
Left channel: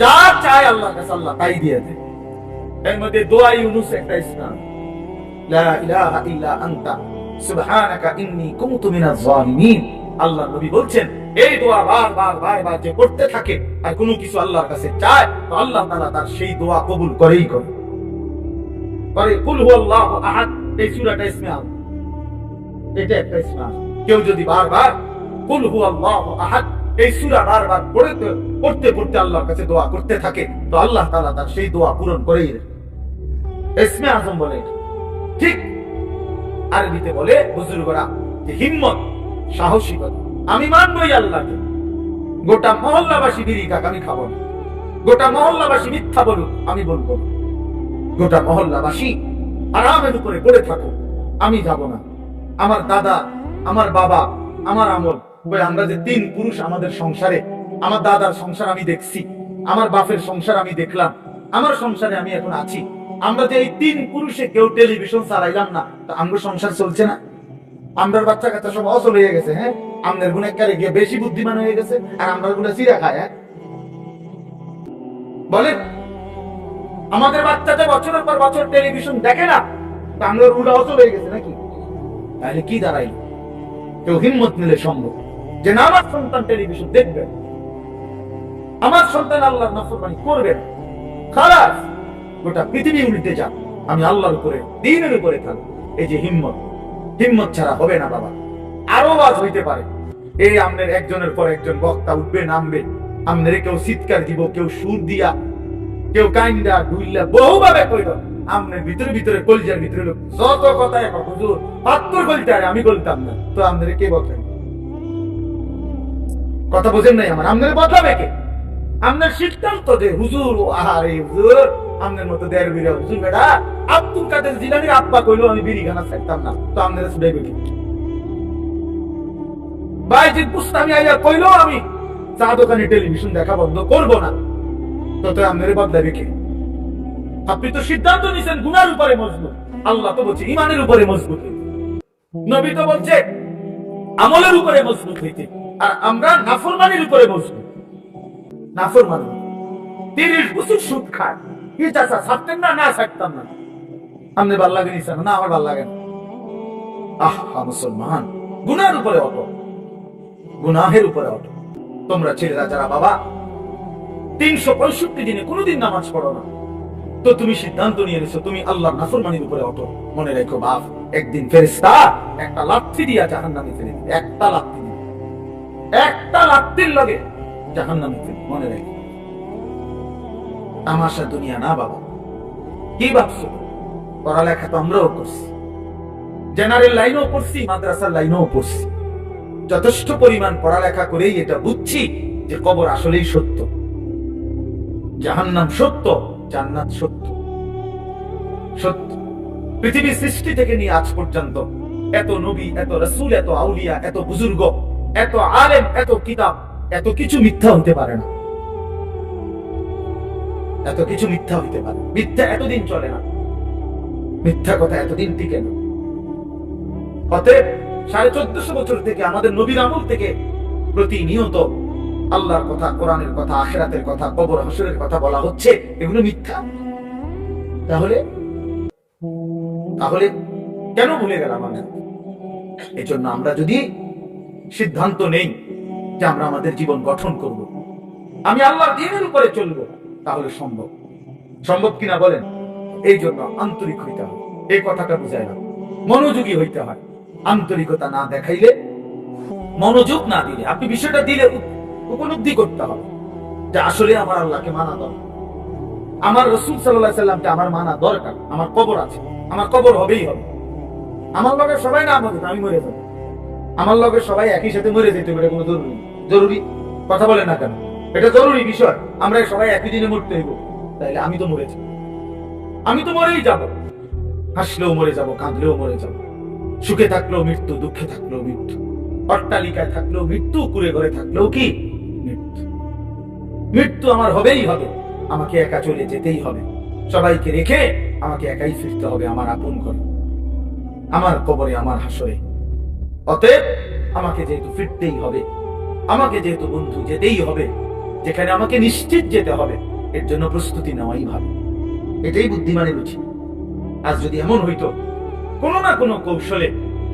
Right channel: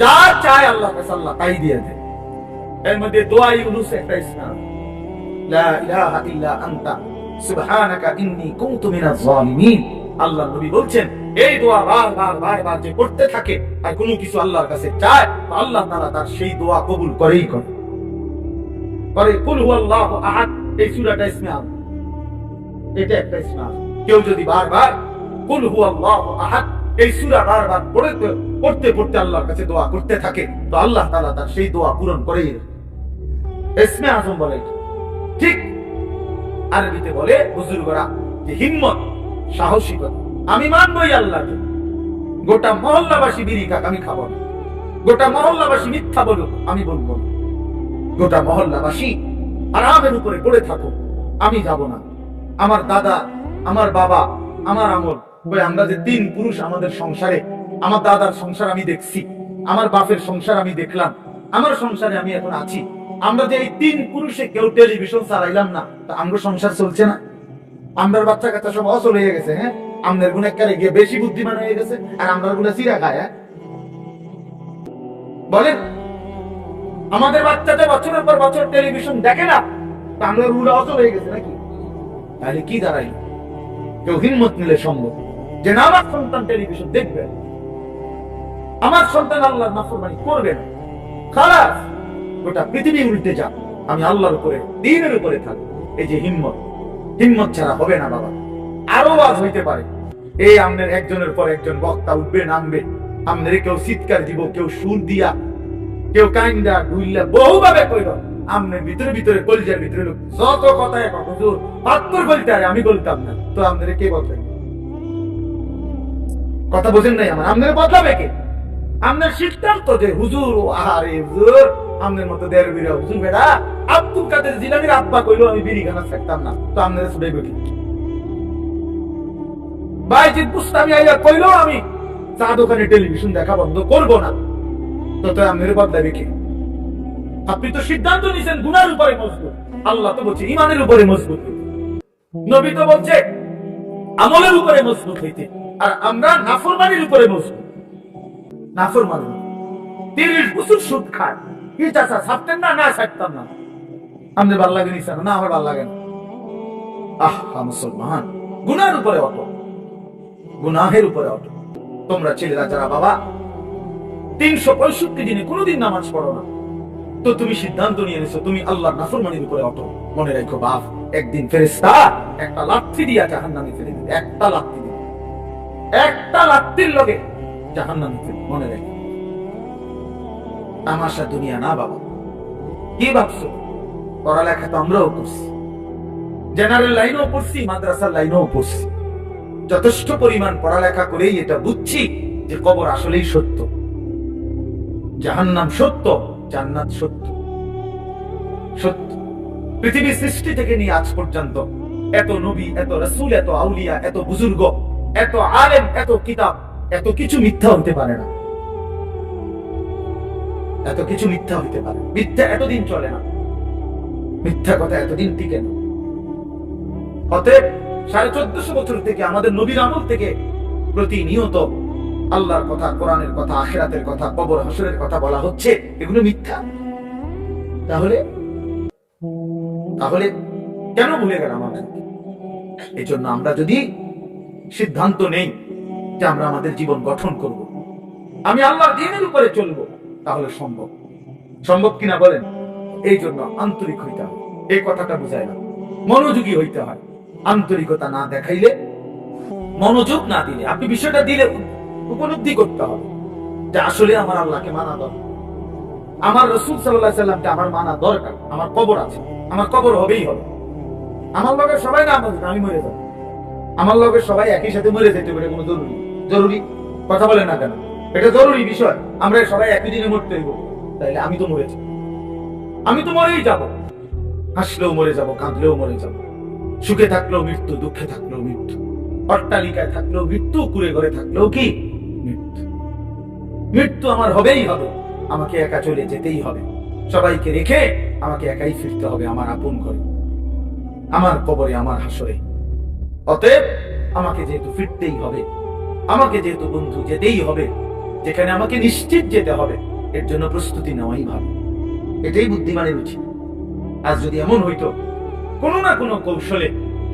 যা চায় আল্লাহর কাছে আল্লাহ তাই দিয়ে দেয়। এর মধ্যে দোয়া ইউনুস একটা ইসলাম, লা ইলাহা ইল্লা আনতা সুবহানাকা ইন্নী কুনতু মিনাজ জালিমিন। আল্লাহ নবী বলছেন এই দোয়া বারবার যে পড়তে থাকে আর কোনো কিছু আল্লাহর কাছে চায়, তো আল্লাহ তাআলা তার সেই দোয়া কবুল করেই করে। কুল হুয়াল্লাহু আহাদ, এই সূরাটা ইসমে আযম, এটা একটা ইসমে আযম। কেউ যদি বারবার কুল হুয়াল্লাহু আহাদ এই সূরা বারবার পড়তে আল্লাহর কাছে দোয়া করতে থাকে, তো আল্লাহ তাআলা তার সেই দোয়া পূরণ করেই দেয়। ইসমে আযম বলে ঠিক আরবিতে বলে বুজুর্গরা যে হিম্মত, সাহসিকতা। আমি মানবই আল্লাহকে, গোটা মহল্লাবাসী বিড়ি খাক আমি খাবো না, গোটা মহল্লাবাসী মিথ্যা বলুক আমি বলবো না, গোটা মহল্লাবাসী আরামের উপরে পড়ে থাকুক আমি যাব না। আমার দাদা, আমার বাবা, আমার আমল, আমরা যে 3 পুরুষ আমাদের সংসারে, আমার দাদার সংসার আমি দেখছি, আমার বাপের সংসার আমি দেখলাম, আমার সংসারে আমি এখন আছি। আমরা যে এই 3 পুরুষে কেউ টেলিভিশন চালাইলাম না, তা আমরা সংসার চলছে না? আমরা বাচ্চা কাচ্চা সব অচল হয়ে গেছে। হ্যাঁ, আমনের গুণেকারে গিয়ে বেশি বুদ্ধিমান হয়ে গেছে, আর আমরা গুলা চিরা খায়। হ্যাঁ বলেন, আমাদের বাচ্চাটা বছরের পর বছর টেলিভিশন দেখে না, তা আমরা রুলা অচল হয়ে গেছে নাকি? তাহলে কি দাঁড়াইল? কেউ হিম্মত নিলে সম্ভব যে না, আমার সন্তান টেলিভিশন দেখবে, আমার সন্তান আল্লাহর নাফরমানি করবে না, খালাস গোটা পৃথিবী উল্টে যাক, আমি আল্লাহর উপরে, দ্বীনের উপরে থাকবো। এই যে হিম্মত, হিম্মত ছাড়া হবে না বাবা। আরো আওয়াজ হইতে পারে, এই আমনের একজনের পর একজন বক্তা উঠবে, নামবে, আমনের কেউ চিৎকার দিব, কেউ সুর দিয়া, কেউ কাইন্দা গুইল্লা বহুভাবে কইল, আমনের ভিতরে ভিতরে কলজার ভিতরে লোক যত কথায় হুজুর ৭২ বলতে আরে আমি বলতাম না, তো আমনের কে বলতেন? কথা বোঝেন নাই আমার? আমনের বদলাবে কে? আমনের সিদ্ধান্ত যে হুজুর, আরে হুজুর আমনের মতো দেড় বিরা হুজুর বেটা আব্দুল কাদের জিলানীর আব্বা কইলো আমি বিড়ি খানা ছাড়তাম না, তো আমনের ছুড়াইবে কি? বাইজিদ বুস্তামি আইয়া কইলো আমি চা দোকানে টেলিভিশন দেখা বন্ধ করব না, তো আমনের বদলাবে কে? আপনি তো সিদ্ধান্ত নিছেন গুনার উপরে মজবুত, আল্লাহ তো বলছে ইমানের উপরে মজবুত, নবী তো বলছে আমলের উপরে মজবুত হইতে, আর আমরা নাফরমানির উপরে মজবুত। নাফরমানি 30 বছর সুদ খায়, কি চাচা ছাড়তেন না? না ছাড়তাম না। আপনি ভাল লাগে নিছেন না? আমার ভাল লাগে না। আহা মুসলমান, গুনার উপরে অটো, গুনাহের উপরে অটো। তোমরা ছেলেরা যারা বাবা 365 দিনে কোনোদিন নামাজ পড়ো না, তো তুমি সিদ্ধান্ত নিয়ে নিছো তুমি আল্লাহর নাফরমানির উপরে অটো। মনে রাখো বাপ, একদিন ফেরেশতা একটা লাথি দিয়া জাহান্নামে ফেলে দিবে, একটা লাথি দিয়ে, একটা লাথির লগে জাহান্নামে ফেলে। মনে রাখো, তামাশা দুনিয়া না বাবা। কি ভাবছো? পড়ালেখা তো আমরাও করছি, জেনারেল লাইনও পড়ছি, মাদ্রাসার লাইনও পড়ছি, যথেষ্ট পরিমাণ পড়ালেখা করেই এটা বুঝছি যে কবর আসলেই সত্য, জাহান্নাম সত্য, জান্নাত সত্য। সত্য পৃথিবীর সৃষ্টি থেকে নিয়ে আজ পর্যন্ত এত নবী, এত রাসূল, এত আউলিয়া, এত বুজুর্গ, এত আলেম, এত কিতাব, এত কিছু মিথ্যা হইতে পারে না। এত কিছু মিথ্যা হইতে পারে, মিথ্যা এতদিন চলে না, মিথ্যা কথা এতদিন টিকে না। অতএব 1450 বছর থেকে আমাদের নবীর আমল থেকে প্রতিনিয়ত আল্লাহর কথা, কোরআনের কথা, আখিরাতের কথা, কবর হাসরের কথা বলা হচ্ছে, এগুলো মিথ্যা। তাহলে তাহলে কেন ভুলে গেলাম আমরা? এই জন্য আমরা যদি সিদ্ধান্ত নেই যে আমরা আমাদের জীবন গঠন করব, আমি আল্লাহর দ্বীনের উপরে চলবো, তাহলে সম্ভব। সম্ভব কিনা বলেন? এই জন্য আন্তরিক হইতে হয়, এই কথাটা বুঝায় না, মনোযোগী হইতে হয়। আন্তরিকতা না দেখাইলে, মনোযোগ না দিলে, আপনি বিষয়টা দিলে উপলব্ধি করতে হবে যে আসলে আমার আল্লাহকে মানা দরকার, আমার রাসূল সাল্লাল্লাহু আলাইহি সাল্লামকে আমার মানা দরকার। আমার কবর আছে, আমার কবর হবেই হবে। আমার লগে সবাই না মরবে, আমি মরে যাব। আমার লগে সবাই একই সাথে মরে যেতে পারে, কোনো জরুরি জরুরি কথা বলেন না কেন? এটা জরুরি বিষয়, আমরা সবাই একই দিনে মরতে হইব। তাইলে আমি তো মরেছি, আমি তো মরেই যাব। হাসলেও মরে যাব, কাঁদলেও মরে যাব, সুখে থাকলেও মৃত্যু, দুঃখে থাকলেও মৃত্যু, অট্টালিকায় থাকলেও মৃত্যু, কুড়ে ঘরে থাকলেও কি মৃত্যু। মৃত্যু আমার হবেই হবে, আমাকে একা চলে যেতেই হবে, সবাইকে রেখে আমাকে একাই ফিরতে হবে আমার আপন ঘরে, আমার কবরে, আমার হাসরে। অতএব আমাকে যেহেতু ফিরতেই হবে, আমাকে যেহেতু বন্ধু যেতেই হবে, যেখানে আমাকে নিশ্চিত যেতে হবে, এর জন্য প্রস্তুতি নেওয়াই ভালো। এটাই বুদ্ধিমানের উচিত। আজ যদি এমন হইতো কোনো না কোনো কৌশলে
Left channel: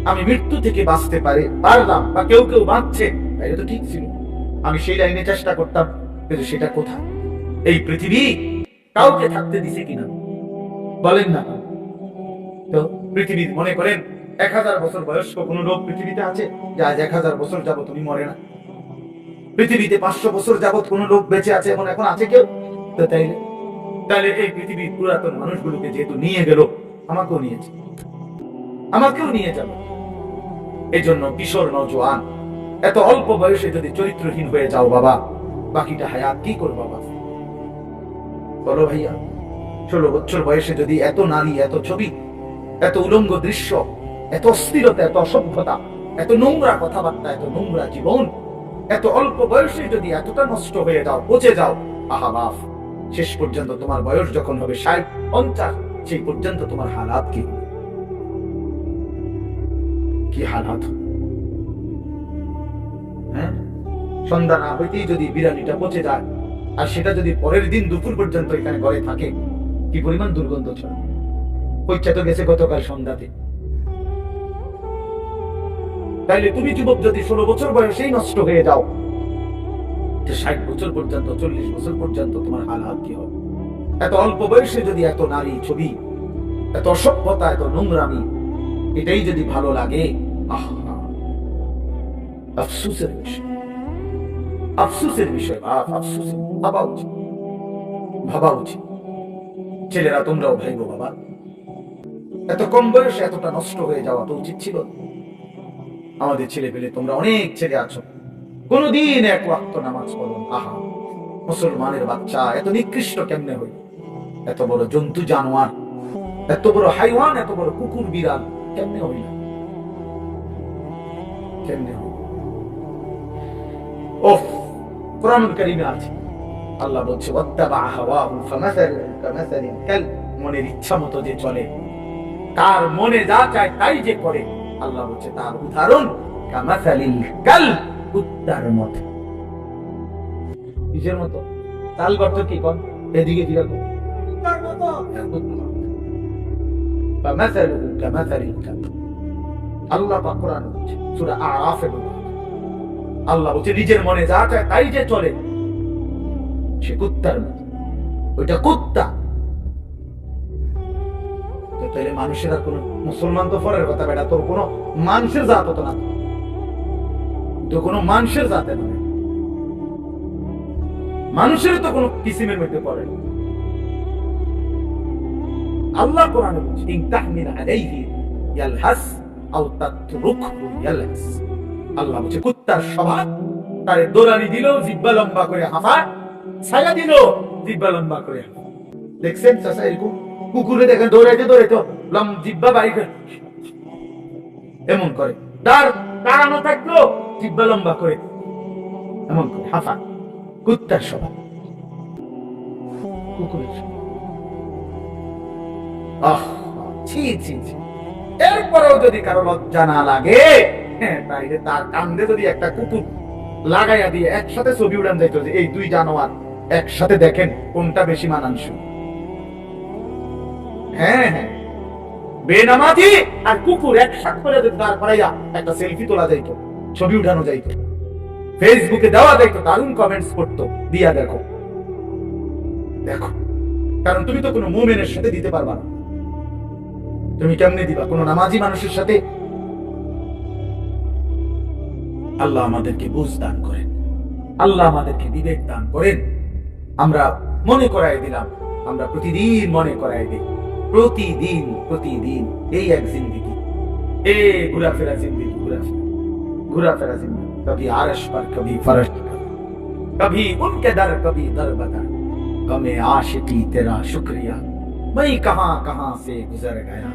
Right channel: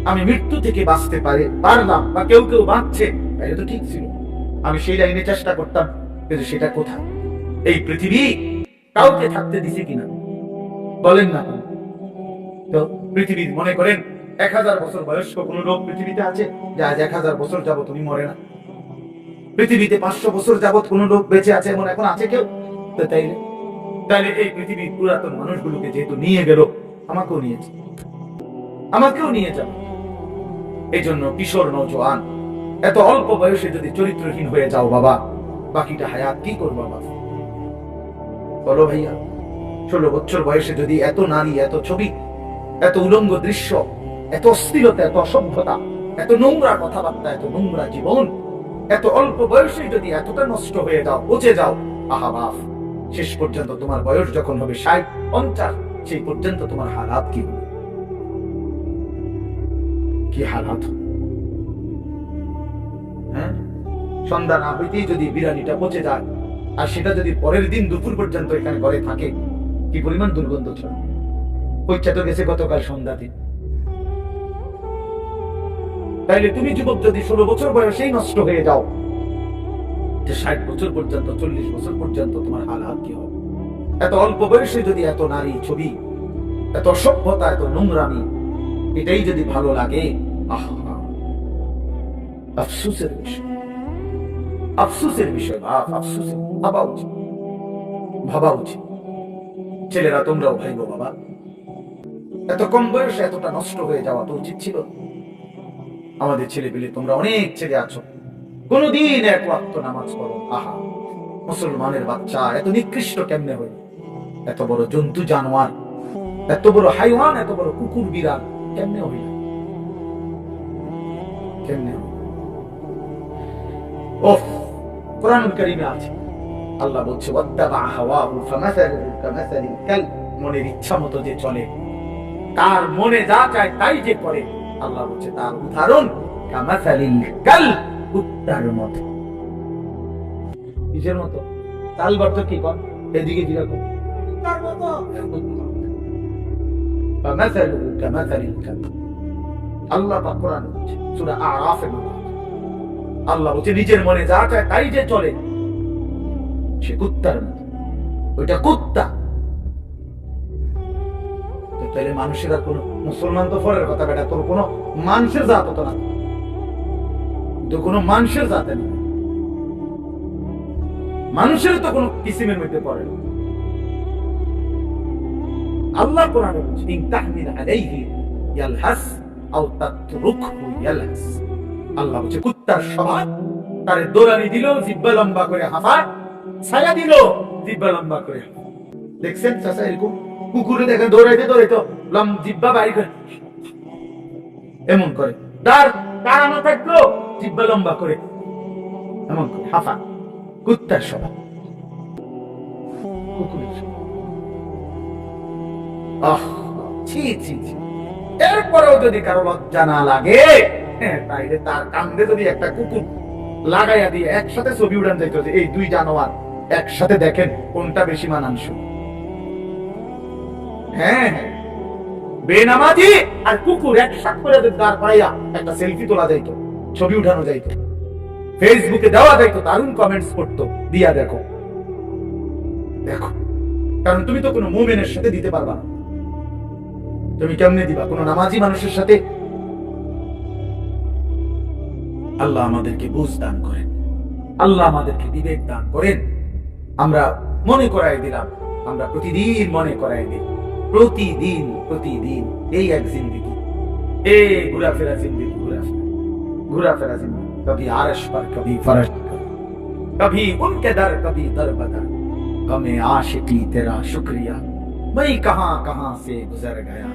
আমি মৃত্যু থেকে বাঁচতে পারলাম, বা কেউ কেউ বাঁচছে, তাহলে তো ঠিক ছিল, আমি সেই লাইনে চেষ্টা করতাম। কিন্তু সেটা কোথায়? এই পৃথিবী কাউকে থাকতে দিছে কিনা বলেন না? তো পৃথিবীর মনে করেন 1000 বছর বয়স্ক কোন লোক পৃথিবীতে আছে যে আজ 1000 বছর যাবত তুমি মরে না? পৃথিবীতে 500 বছর যাবত কোন লোক বেঁচে আছে এমন এখন আছে কেউ? তাইলে এই পৃথিবীর পুরাতন মানুষগুলোকে যেহেতু নিয়ে গেল, আমাকেও নিয়েছে। আমাকেও নিয়ে যাবে। এই জন্য কিশোর নওজোয়ান, এত অল্প বয়সে যদি চরিত্রহীন হয়ে যাও বাবা, বাকিটা হায়াত কি করবো বাবা? বলো ভাইয়া, 16 বছর বয়সে যদি এত নারী, এত ছবি, এত উলঙ্গ দৃশ্য, এত অশ্লীলতা, এত অসভ্যতা, এত নোংরা কথাবার্তা, এত নোংরা জীবন, এত অল্প বয়সে যদি এতটা নষ্ট হয়ে যাও, পচে যাও, আহা বাপ, শেষ পর্যন্ত তোমার বয়স যখন হবে 60, 50, সেই পর্যন্ত তোমার হালাত কি হবে? কি হালাত? হ্যাঁ, সন্ধ্যা না হইতেই যদি বিড়ালিটা পচে যায়, আর সেটা যদি পরের দিন দুপুর পর্যন্ত এখানে ঘরে থাকে, কি পরিমাণ দুর্গন্ধ ছড়ায়। পরীক্ষা তো গেছে গতকাল সন্ধ্যাতে। তাইলে তুমি যুবক যদি 16 বছর বয়সেই নষ্ট হয়ে যাও, 60 বছর পর্যন্ত, 40 বছর পর্যন্ত তোমার হালাত কি হবে? এত অল্প বয়সে যদি এত নারী ছবি, এত অসভ্যতা, এত নোংরামি, এটাই যদি ভালো লাগে, আফসোসের বিষয়, আফসোসের বিষয় বাপ, আফসোসের। ভাবা উচিত, ভাবা উচিত। ছেলেরা তোমরাও ভাইবো বাবা, এত কম বয়সে এতটা নষ্ট হয়ে যাওয়া তো উচিত ছিল। আমাদের ছেলে পেলে, তোমরা অনেক ছেলে আছো, কোনদিন এক ওয়াক্ত নামাজ পড়ো, আহা মুসলমানের বাচ্চা এত নিকৃষ্ট কেমনে হইল? এত বড় জন্তু জানোয়ার, এত বড় হাইওয়ান, এত বড় কুকুর বিড়াল কেমনে হইল? কেমনে হইল? ওহ, কোরআনুল কারীমে আছে, আল্লাহ বলছে ওয়াত্তাবা হাওয়াহু ফামাসালুহু কামাসালিল কালব, মনের ইচ্ছা মতো যে চলে, তার মনে যা চায় তাই যে করে, আল্লাহ বলছে তার উদাহরণ কামাসালিল কালব, কুত্তার মতো। কিসের মতো? তাল গর্ত কি কর, এদিকে ফিরে কর, কুত্তার মতো। ফামাসালুহু কামাসালিল কালব, আল্লাহ পাক কোরআন বলছে, সূরা আরাফে আল্লাহ বলছে নিজের মনে যা চায় তাই যে চলে, সে কুত্তার মতো। ওইটা কুত্তা। তাহলে মানুষের আর কোন, মুসলমান তো পরের কথা বেটা, তোর কোন মানুষের জাত হতো না, তো কোন মানুষের জাতে না, মানুষের তো কোন কিসিমের মধ্যে পড়ে না। আল্লাহ কোরআনে বলছে ইন তাহমিল আলাইহি ইয়ালহাস আও তাতরুকহু ইয়ালহাস, আল্লাহ বলছে কুত্তার স্বভাব, তারে দৌড়ানি দিল জিহ্বা লম্বা করে হাঁফা, ছায়া দিল জিহ্বা লম্বা করে। দেখছেন চাচা এরকম কুকুরে দেখেন দৌড়াইতে দৌড়াইতে জিহ্বা বাইর এমন করে, তার তাড়ানো থাকলো জিহ্বা লম্বা করে এমন করে হাঁফা। কুত্তার স্বভাব, কুকুরের স্বভাব। আহ ছি ছি ছি। এরপরেও যদি কারো লজ্জা না লাগে, তাইলে তার কান্দে যদি একটা কুকুর লাগাইয়া দিয়ে একসাথে ছবি উড়ান যাইতো, যে এই দুই জানোয়ার একসাথে দেখেন কোনটা বেশি মানানসই। হ্যাঁ হ্যাঁ, বেনামাজি আর কুকুর একসাথে করে দাঁড় করাইয়া একটা সেলফি তোলা যাইতো, ছবি উঠানো যাইতো, ফেসবুকে দেওয়া যাইতো, দারুণ কমেন্টস করতো, দিয়া দেখো দেখো। কারণ তুমি তো কোনো মুমিনের সাথে দিতে পারবা না, তুমি কেমনে দিবা কোনো নামাজি মানুষের সাথে? আল্লাহ আমাদেরকে বুঝ দান করেন, আল্লাহ আমাদেরকে বিবেক দান করেন। আমরা মনে করাই দিলাম, আমরা প্রতিদিন মনে করাই দিই, প্রতিদিন প্রতিদিন এই এক জিন্দিগি, এ ঘুরাফেরা জিন্দিগি, ঘুরাফেরা জিন্দিগি, কবি আরশ पर कभी फर्श, कभी उनके दर कभी दर बदर, गमे आशिकी तेरा शुक्रिया, मैं कहां कहां से गुजर गया।